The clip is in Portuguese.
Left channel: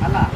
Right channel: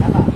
Vai lá.